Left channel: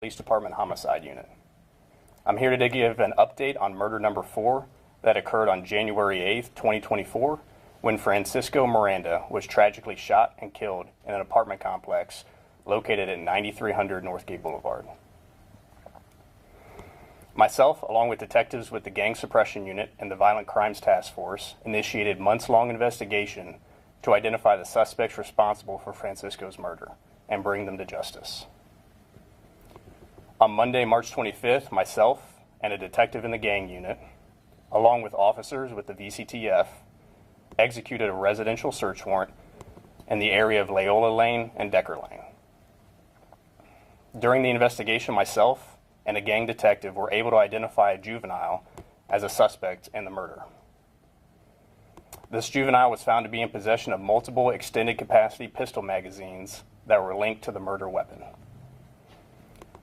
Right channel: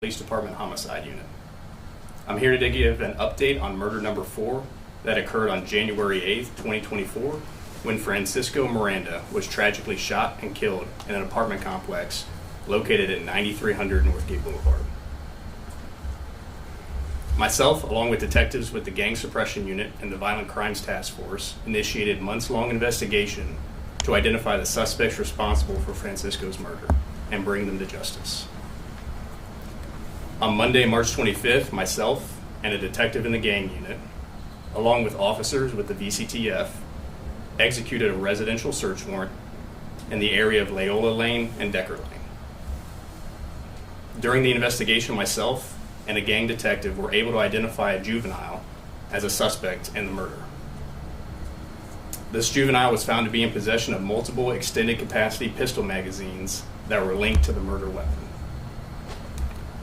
Police Department Homicide Unit. I'm here to give an update on murder number 4 that occurred on January 8th, 2024, when Francisco Miranda was tragically shot and killed in an apartment complex located at 9300 Northgate Boulevard. Myself, along with detectives with the Gang Suppression Unit and the Violent Crimes Task Force, initiated months-long investigation to identify the suspects responsible for Francisco's murder and bring them to justice. On Monday, March 25th, myself and a detective in the gang unit, along with officers with the VCTF, executed a residential search warrant in the area of Loyola Lane and Decker Lane. During the investigation, myself and a gang detective were able to identify a juvenile as a suspect in the murder. This juvenile was found to be in possession of multiple extended capacity pistol magazines that were linked to the murder weapon.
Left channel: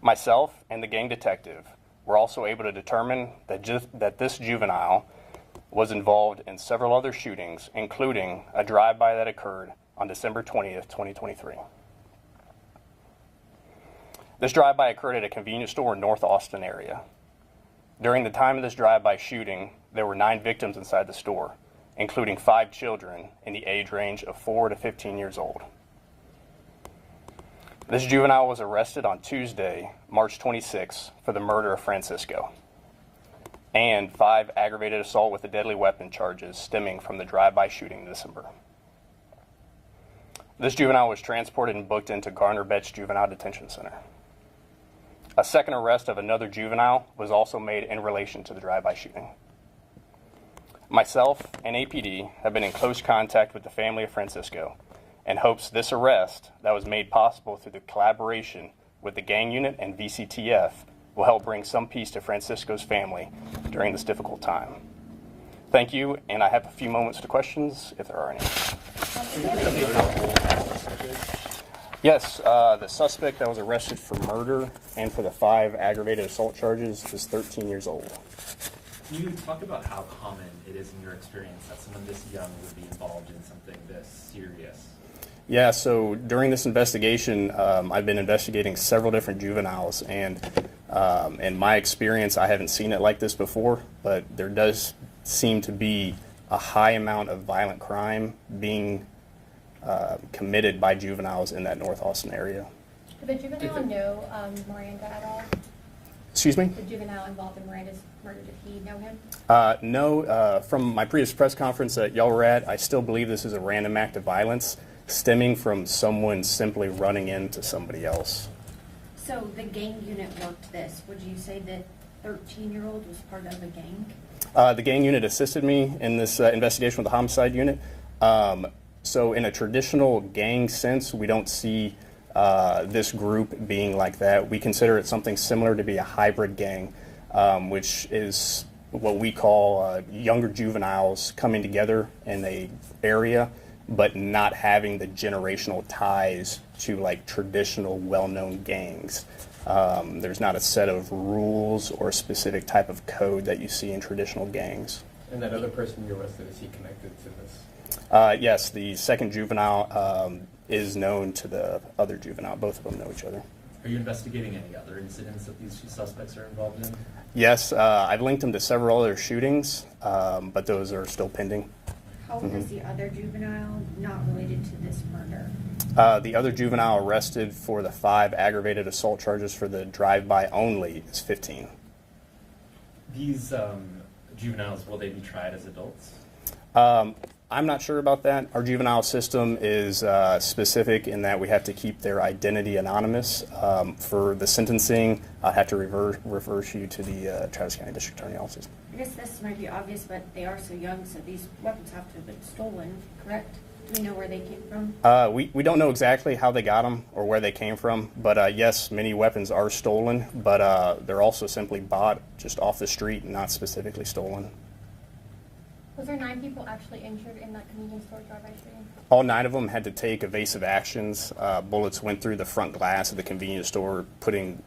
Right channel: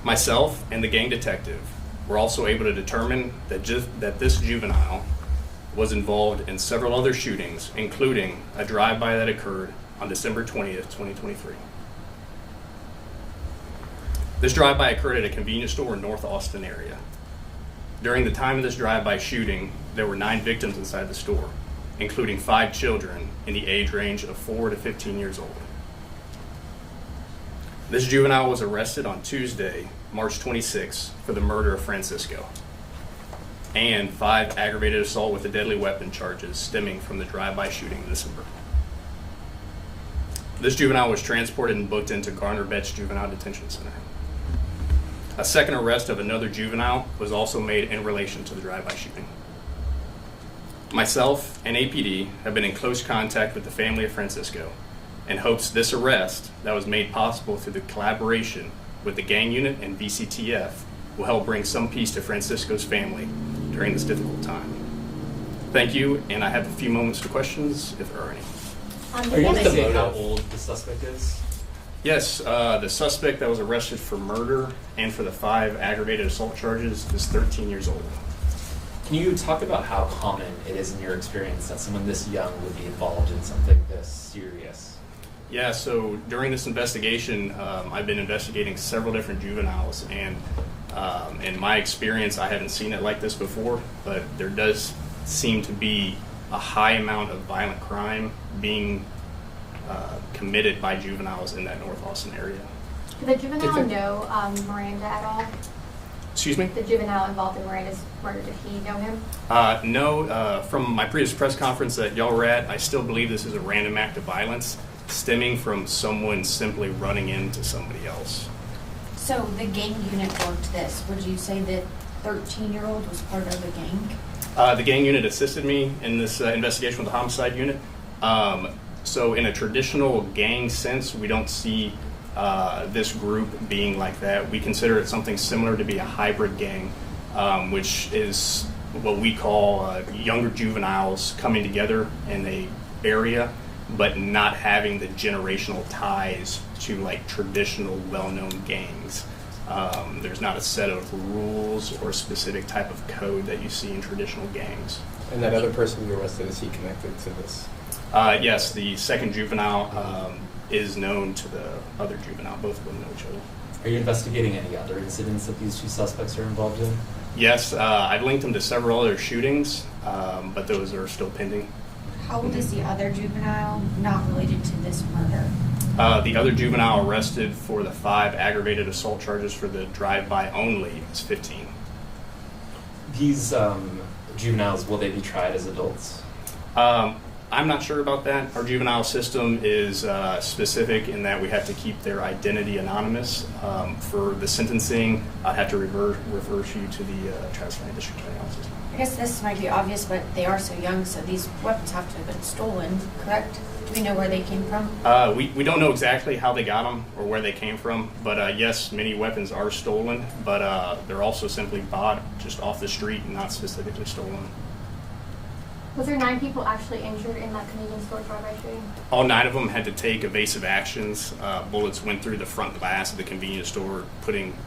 Myself and the gang detective were also able to determine that this juvenile was involved in several other shootings, including a drive-by that occurred on December 20th, 2023. This drive-by occurred at a convenience store in North Austin area. During the time of this drive-by shooting, there were 9 victims inside the store, including 5 children in the age range of 4 to 15 years old. This juvenile was arrested on Tuesday, March 26, for the murder of Francisco, and 5 aggravated assault with a deadly weapon charges stemming from the drive-by shooting in December. This juvenile was transported and booked into Garner-Betts Juvenile Detention Center. A second arrest of another juvenile was also made in relation to the drive-by shooting. Myself and APD have been in close contact with the family of Francisco and hopes this arrest that was made possible through the collaboration with the gang unit and VCTF will help bring some peace to Francisco's family during this difficult time. Thank you, and I have a few moments to questions if there are any. Are you able to say how old that suspect is? Yes, the suspect that was arrested for murder and for the 5 aggravated assault charges is 13 years old. Can you talk about how common it is in your experience that someone this young would be involved in something this serious? Yeah, so during this investigation, I've been investigating several different juveniles, and in my experience, I haven't seen it like this before, but there does seem to be a high amount of violent crime being committed by juveniles in that North Austin area. Did the juvenile know Miranda at all? Excuse me? The juvenile involved in Miranda's murder, did he know him? No, from my previous press conference that y'all were at, I still believe this is a random act of violence stemming from someone simply running into somebody else. So the gang unit worked this. Would you say that 13-year-old was part of the gang? The gang unit assisted me in this investigation with the homicide unit. So in a traditional gang sense, we don't see this group being like that. We consider it something similar to be a hybrid gang, which is what we call younger juveniles coming together in a area, but not having the generational ties to like traditional well-known gangs. There's not a set of rules or a specific type of code that you see in traditional gangs. And that other person you arrested, is he connected to this? Yes, the second juvenile is known to the other juvenile. Both of them know each other. Are you investigating any other incidents that these 2 suspects are involved in? Yes, I've linked them to several other shootings, but those are still pending. How old is the other juvenile not related to this murder? The other juvenile arrested for the 5 aggravated assault charges for the drive-by only is 15. These juveniles, will they be tried as adults? I'm not sure about that. Our juvenile system is specific in that we have to keep their identity anonymous. For the sentencing, I'd have to refer you to the Travis County District Attorney Office. I guess this might be obvious, but they are so young, so these weapons have to have been stolen, correct? Do we know where they came from? We don't know exactly how they got them or where they came from, but yes, many weapons are stolen, but they're also simply bought just off the street and not specifically stolen. Was there 9 people actually injured in that convenience store drive-by shooting? All 9 of them had to take evasive actions. Bullets went through the front glass of the convenience store, putting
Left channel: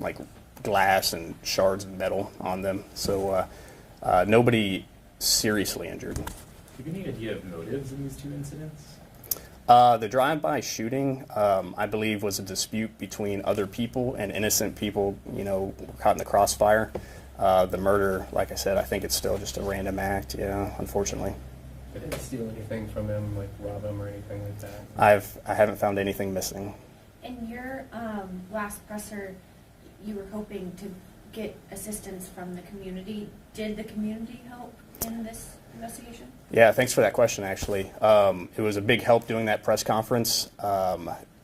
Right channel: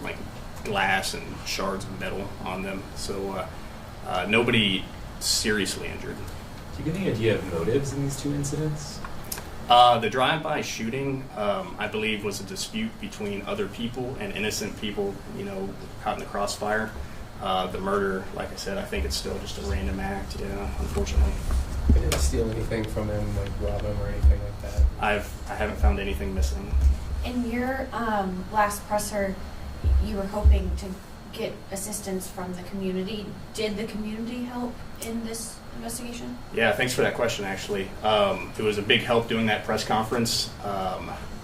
like glass and shards of metal on them. So nobody seriously injured. Do you get any idea of motives in these 2 incidents? The drive-by shooting, I believe, was a dispute between other people and innocent people, caught in the crossfire. The murder, like I said, I think it's still just a random act, unfortunately. They didn't steal anything from him, like rob him or anything like that. I haven't found anything missing. In your last presser, you were hoping to get assistance from the community. Did the community help in this investigation? Yeah, thanks for that question, actually. It was a big help doing that press conference.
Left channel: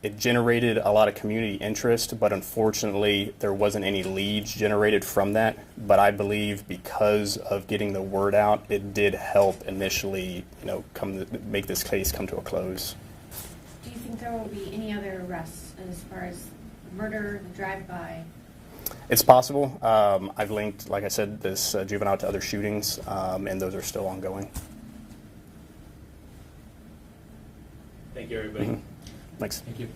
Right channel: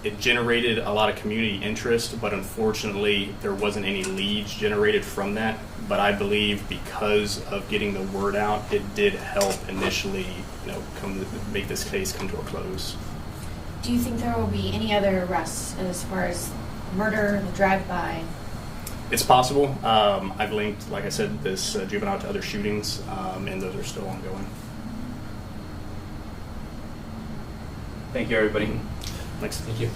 It generated a lot of community interest, but unfortunately, there wasn't any leads generated from that. But I believe because of getting the word out, it did help initially, make this case come to a close. Do you think there will be any other arrests as far as murder, the drive-by? It's possible. I've linked, like I said, this juvenile to other shootings, and those are still ongoing. Thank you, everybody. Mhm. Thanks. Thank you.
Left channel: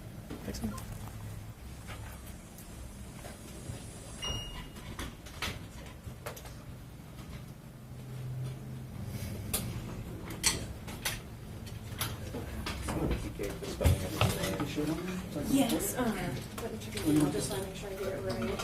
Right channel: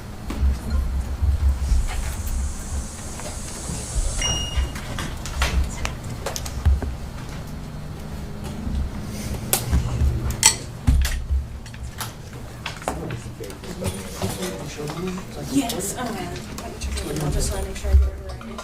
Yes. I'll just want to make sure I get it right.